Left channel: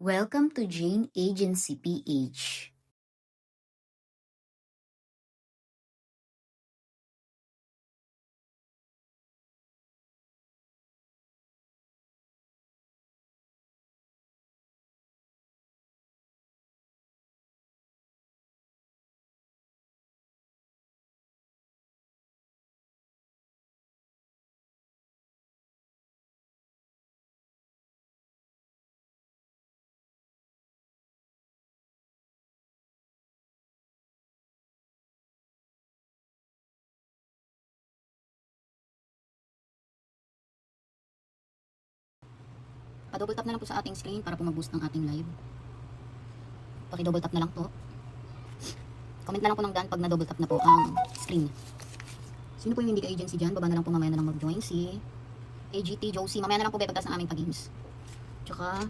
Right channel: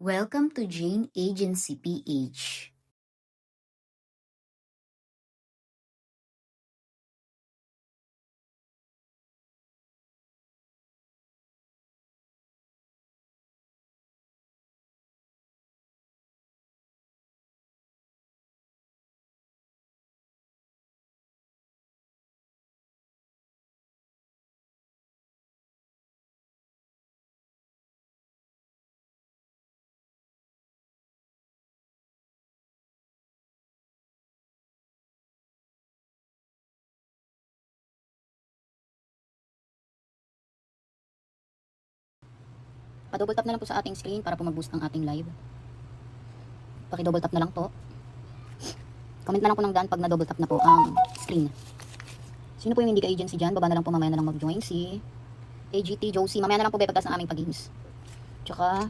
Welcome to Jane Agency PH. Pa-double tap na lang po sa ating screen para po mag-boost ang ating live. Paki-double tap na lang po. Comment na lang po ng daan pag na-double tap na po ang screen. Sino po yung hindi ka-agency dyan? Baba na lang po, mamaya na lang mag-join si AGT Josie. Mamaya na lang po pagkas ng aming pag-games. Tsaka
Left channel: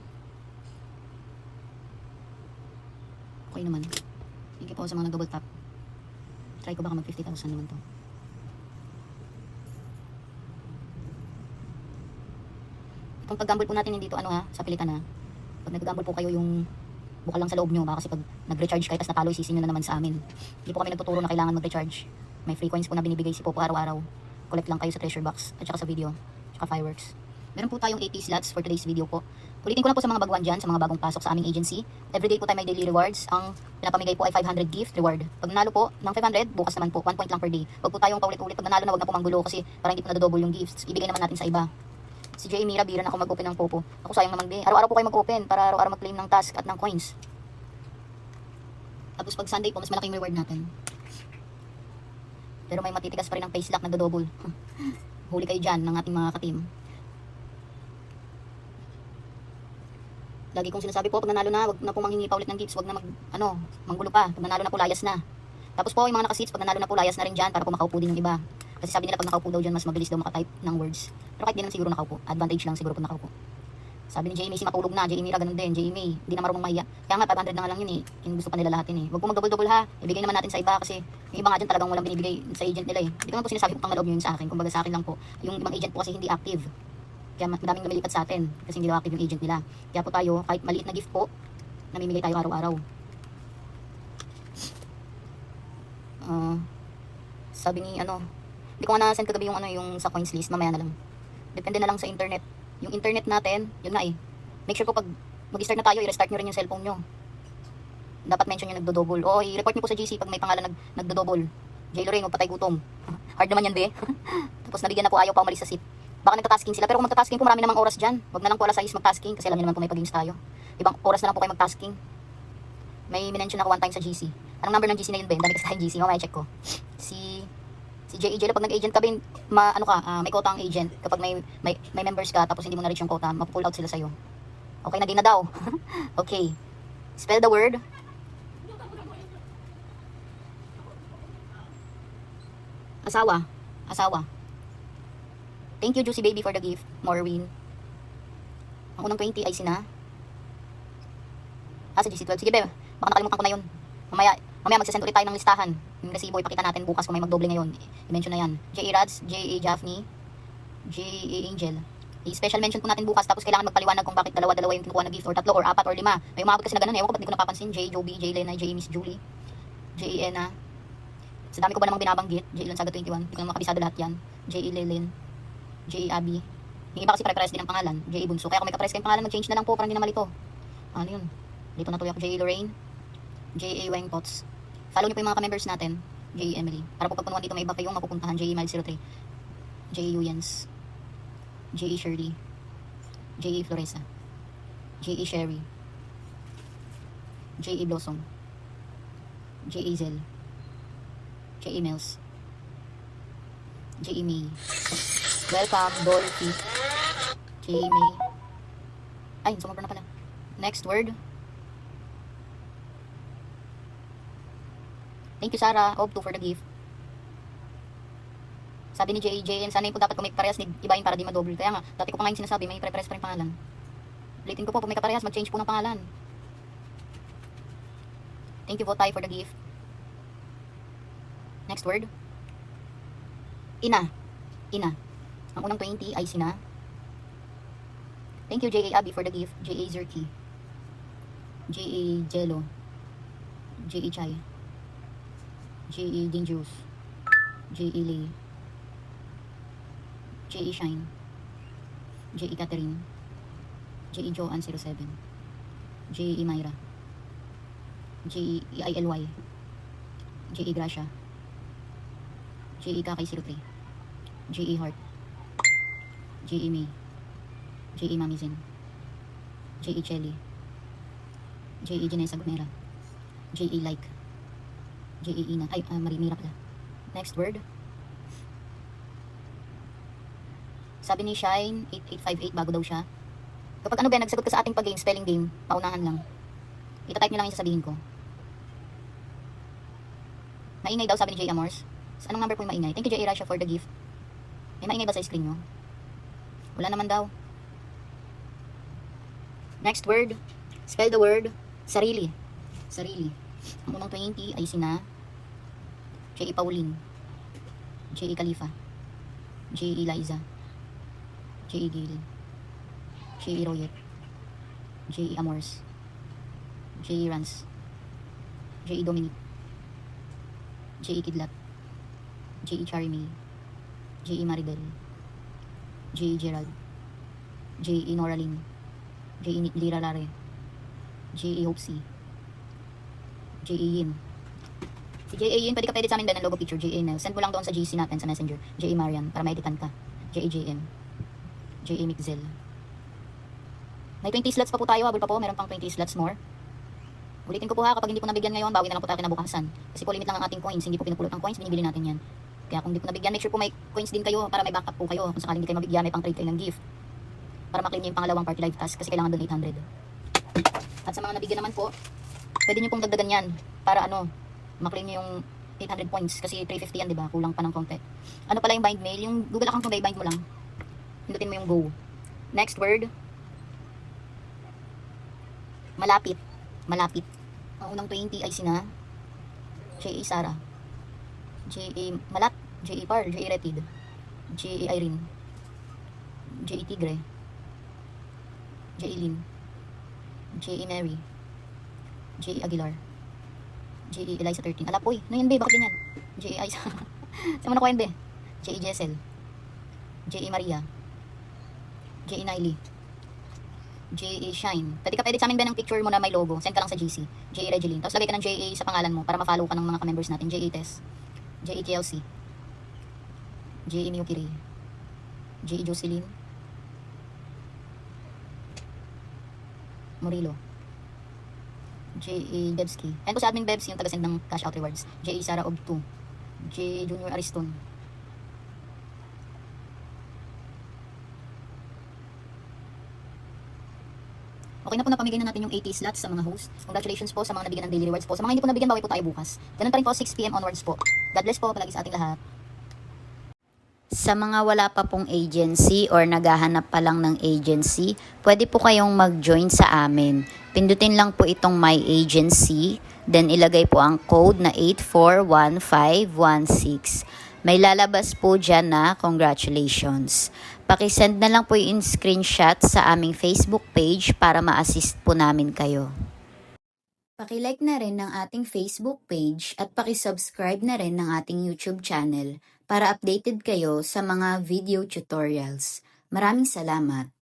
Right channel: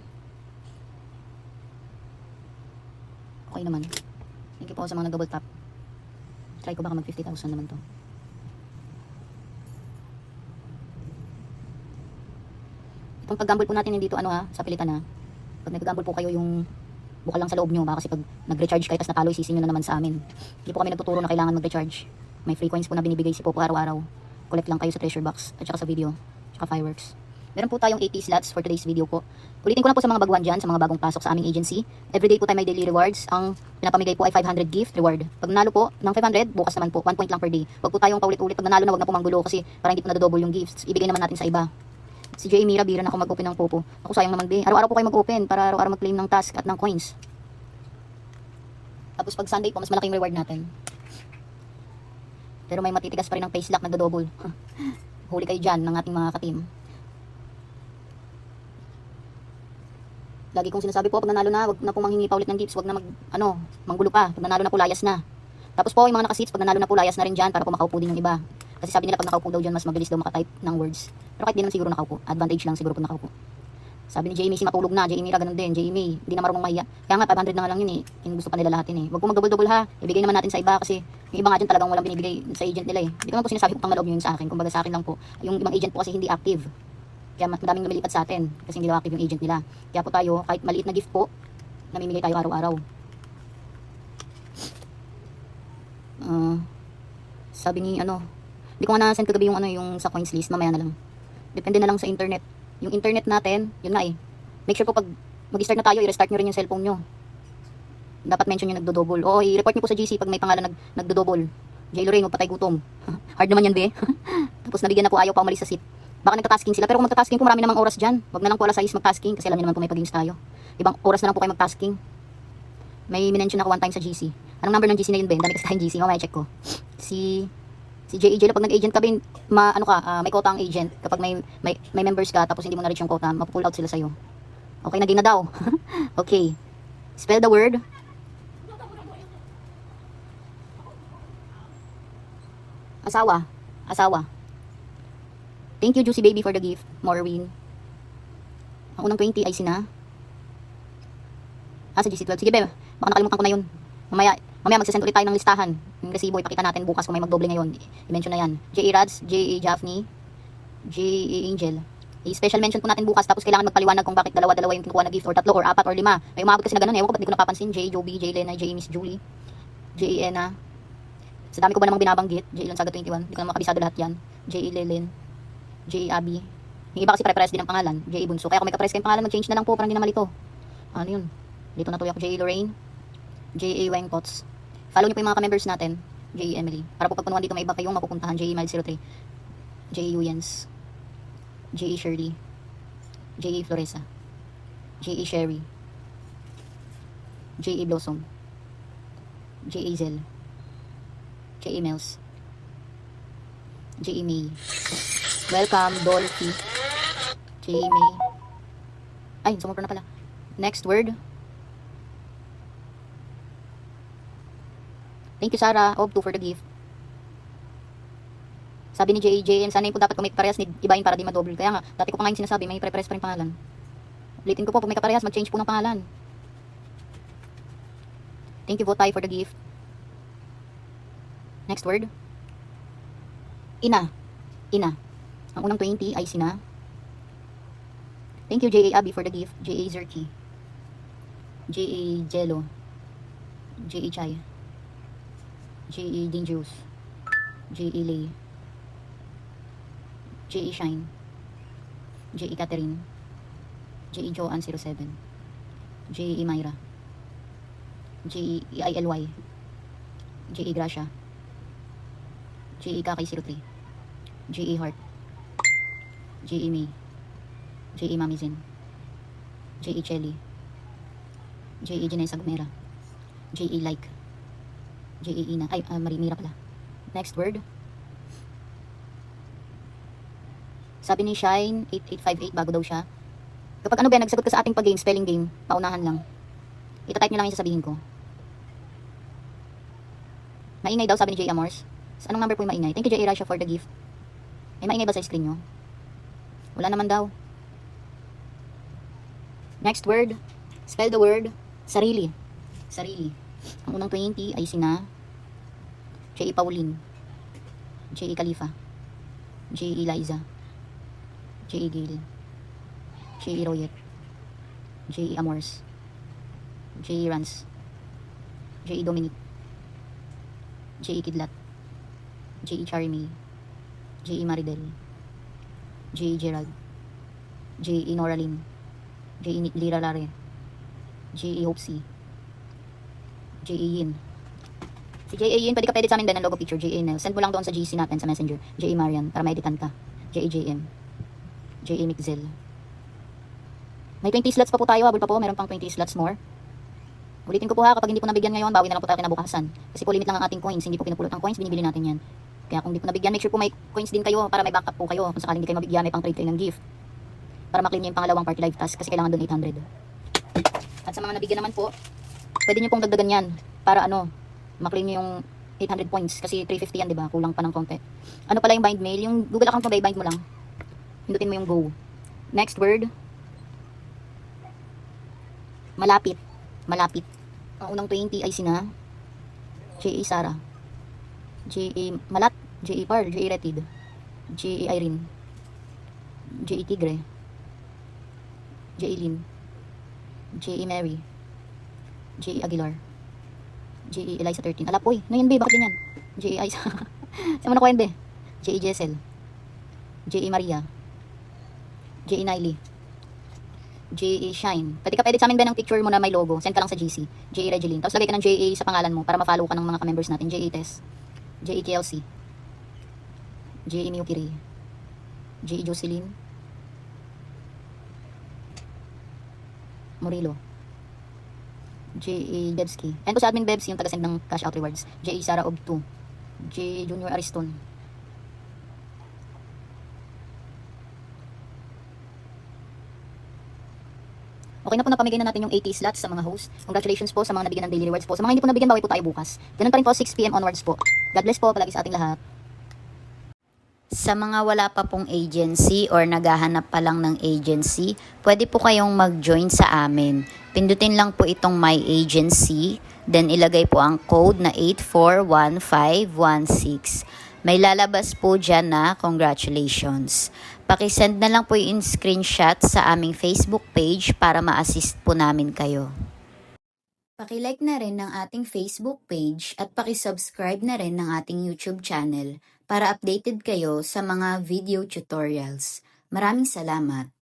okay naman. Thank you po sa mga nag-double tap. Try ko baka mag 50,000 naman to. Itong pag-gamble po natin dito sa pilitan Pag nag-gamble po kayo yung bukal lang sa loob nyo, baka kasi pag nag-recharge kayo tas natalo, isisino na naman sa amin. Hindi po kami nagtuturo na kailangan mag-recharge. May free coins po na binibigay si Popo araw-araw. Collect lang kayo sa treasure box at saka sa video, tsaka fireworks. Meron po tayong 80 slots for today's video po. Ulitin ko lang po sa mga baguhan dyan, sa mga bagong pasok sa aming agency. Everyday po tayo may daily rewards. Ang pinapamigay po ay 500 gift reward. Pag nanalo po ng 500, bukas naman po, 1 point lang per day. Huwag po tayong paulit-ulit. Pag nanalo na, huwag na po manggulo kasi para hindi po nadodouble yung gifts. Ibigay naman natin sa iba. Si J. Mira, bira na ako mag-open ng Popo. Ako sayang naman, be. Araw-araw po kayo mag-open para araw-araw mag-claim ng task at ng coins. Tapos pag Sunday po, mas malaking reward natin. Pero may matitigas pa rin ang face lock, nagdo-double. Huli kayo dyan ng ating mga katim. Lagi kong sinasabi po, pag nanalo na, wag na po manghingi pa ulit ng gifts, wag na manggulo pa. Pag nanalo na po, layas na. Tapos po, yung mga naka-seats, pag nanalo na po, layas na rin dyan para po makaupo din yung iba. Kasi sabi nila pag nakaupo daw dyan, mas mabilis daw makatype ng words. Pero kahit di lang siguro nakaupo, advantage lang siguro kung nakaupo. Sabi ni Jamie, si matulog na, Jamie ganun din, Jamie, hindi na marunong mahiya. Kaya nga, 500 na nga lang yun eh, yung gusto pa nila lahat yun eh. Huwag po mag-double-double ha, ibigay naman natin sa iba kasi yung iba nga dyan talagang walang binibigay sa agent nila eh. Hindi ko naman po sinasabi kung pang maloob yun sa akin, kumbaga sa akin lang po. Yung ibang agent po kasi hindi active. Kaya madaming lumilipat sa atin kasi hindi daw active yung agent nila. Kaya po tayo, kahit maliit na gift po, namimigay tayo araw-araw. Sabi ni hindi ko nga na-send kagabi yung sa coins list, mamaya na lang. Depende na lang sa internet. Yung internet natin, yun na eh. Make sure po pag mag-start na tayo, i-restart nyo rin yung cellphone nyo. Dapat mention yung nagdo-double. O i-report nyo po sa GC pag may pangalan nagdo-double. J. Lorraine, magpatay gutom. Hard naman yan, be. Tapos nabigyan na po ayaw pa umalis sa seat. Baka nagtatasking sila, pero kung magtatasking po, marami namang oras dyan. Huwag na lang po alas 6 magtasking kasi alam nyo naman po may pag-games tayo. Ibang oras na lang po kayo magtasking. May minention ako one time sa GC. Anong number ng GC na yun, Ben? Dami kasi tayong GC, mamaya check ko. Si JEJ, pag nag-agent ka, Ben, may quota ang agent. Kapag may members ka, tapos hindi mo na-reach yung quota, mapupull out sila sa'yo. Okay na din na daw. Okay. Spell the word. Asawa. Asawa. Thank you, Juicy Baby, for the gift. Morwin. Ako ng 20 ay sina. Sa GC12. Sige, be. Baka nakalimutan ko na yun. Mamaya magsasend ulit tayo ng listahan. Yung resibo, ipakita natin bukas kung may magdoble ngayon. I-mention na yan. J.A. Rads, J.A. Jaffney, J.A. Angel. I-special mention po natin bukas, tapos kailangan magpaliwanag kung bakit dalawa-dalawa yung kinukuha na gift, or tatlo, or apat, or lima. May umabot kasi na ganun, ewan ko ba't di ko napapansin. J.A. Joby, J.A. Lena, J.A. Miss Julie, J.A. Ena. Sa dami ko ba namang binabanggit? J.A. Lansaga 21, di ko naman makabisado lahat yan. J.A. Lelen, J.A. Abby. Yung iba kasi pare-pares din ang pangalan, J.A. Bunso. Kaya kung may kapares kayong pangalan, mag-change na lang po, parang hindi na malito. Ano yun? Dito na tuloy ako, J.A. Lorraine, J.A. Wangpots. Follow niyo po yung mga ka-members natin, J.A. Emily. Para po pagpunuan dito may iba kayong mapupuntahan, J.A. Miles 03, J.A. Uyens, J.A. Shirley, J.A. Floresa, J.A. Sherry, J.A. Blossom, J.A. Zel, J.A. Nels, J.A. May. Welcome, Dorothy, J.A. May. Ay, sumupra na pala. Next word. Thank you, Sarah. Of 2 for the gift. Sabi ni JJ, sana po dapat kung may parehas, ibahin para di madoble. Kaya nga, dati ko pa ngayon sinasabi, may pre-pares pa rin pangalan. Ulitin ko po, kung may kaparehas, mag-change po ng pangalan. Thank you, Votay, for the gift. Next word. Ina. Ina. Ang unang 20 ay sina. Thank you, J.A. Abby, for the gift. J.A. Zerky. J.E. Jello, J.E. Chai, J.E. Dangerous, J.E. Lay, J.E. Shine, J.E. Catherine, J.E. Joanne 07, J.E. Myra, J.E. ILY, J.E. Gracia, J.E. Kakay 03, J.E. Heart, J.E. May, J.E. Mami Zen, J.E. Chelly, J.E. Janessa Gumera, J.E. Like, J.E. Ina, Mira pala. Next word. Sabi ni Shine 8858 bago daw siya. Kapag ano ba, nagsagot ka sa ating pag-game, spelling game, paunahan lang. Itatype nyo lang yung sasabihin ko. Maingay daw, sabi ni J. Amors. Anong number po yung maingay? Thank you, J. Rasha, for the gift. May maingay ba sa screen nyo? Wala naman daw. Next word. Spell the word sarili. Sarili. Ang unang 20 ay sina J.E. Pauline, J.E. Khalifa, J.E. Liza, J.E. Gayle, J.E. Royet, J.E. Amors, J.E. Rans, J.E. Dominic, J.E. Kidlat, J.E. Charmel, J.E. Maridel, J.E. Gerald, J.E. Noraline, J.E. Lira Lare, J.E. Hopsy, J.E. Yin. Si J.A. Yin, pwede ka edit sa amin din ng logo picture, J.A. Nel. Send mo lang doon sa GC natin sa Messenger. J.A. Marian, para ma-editan ka. J.A. JM. J.A. Mixel. May 20 slots pa po tayo, habol pa po. Meron pang 20 slots more. Ulitin ko po ha, kapag hindi po nabigyan ngayon, bawi na lang po tayo kinabukasan. Kasi po limit lang ang ating coins, hindi po pinupulot ang coins, binibili natin yan. Kaya kung hindi po nabigyan, make sure po may coins din kayo para may backup po kayo. Kung sakaling hindi kayo mabigyan, may pang trade kayo ng gift. Para maklaim niyo yung pangalawang party live task kasi kailangan doon 800. At sa mga nabigyan naman po, pwede niyo pong dagdagan yan para ano, maklaim niyo yung 800 points kasi 350 yan, di ba? Kulang pa ng konti. Ano pala yung bind mail? Yung Google account mo ba, bind mo lang. Pindutin mo yung go. Next word. Malapit. Malapit. Ang unang 20 ay sina J.E. Sara, J.E. Malat, J.E. Pearl, J.E. Retid, J.E. Irene, J.E. Tigre, J.E. Lin, J.E. Mary, J.E. Aguilar, J.E. Eliza 13. Alap, uy, na yun, be, bakit ganyan? J.E. Isa. Saan mo na ko yun, be? J.E. Jessel, J.E. Maria, J.E. Niley, J.E. Shine. Pwede ka edit sa amin ba ng picture mo na may logo? Send ka lang sa GC. J.E. Regeline. Tapos lagay ka ng J.E. sa pangalan mo para ma-follow ka ng mga ka-members natin. J.E. Tess, J.E. KLC, J.E. Newkiri, J.E. Jocelyn, Murilo, J.E. Debski. And po sa admin Bebs, yung taga-send ng cash out rewards. J.E. Sara of 2, J.E. Junior Ariston, okay na po, napamigay na natin yung 80 slots sa mga host. Congratulations po sa mga nabigyan ng daily rewards po. Sa mga hindi po nabigyan, bawi po tayo bukas. Ganun pa rin po, 6 PM onwards po. God bless po palagi sa ating lahat. Sa mga wala pa pong agency or naghahanap pa lang ng agency, pwede po kayong mag-join sa amin. Pindutin lang po itong My Agency, then ilagay po ang code na 841516. May lalabas po dyan na congratulations. Pakisend na lang po yung screenshot sa aming Facebook page para ma-assist po namin kayo. Pakilike na rin ng ating Facebook page at pakisubscribe na rin ng ating YouTube channel para updated kayo sa mga video tutorials. Maraming salamat!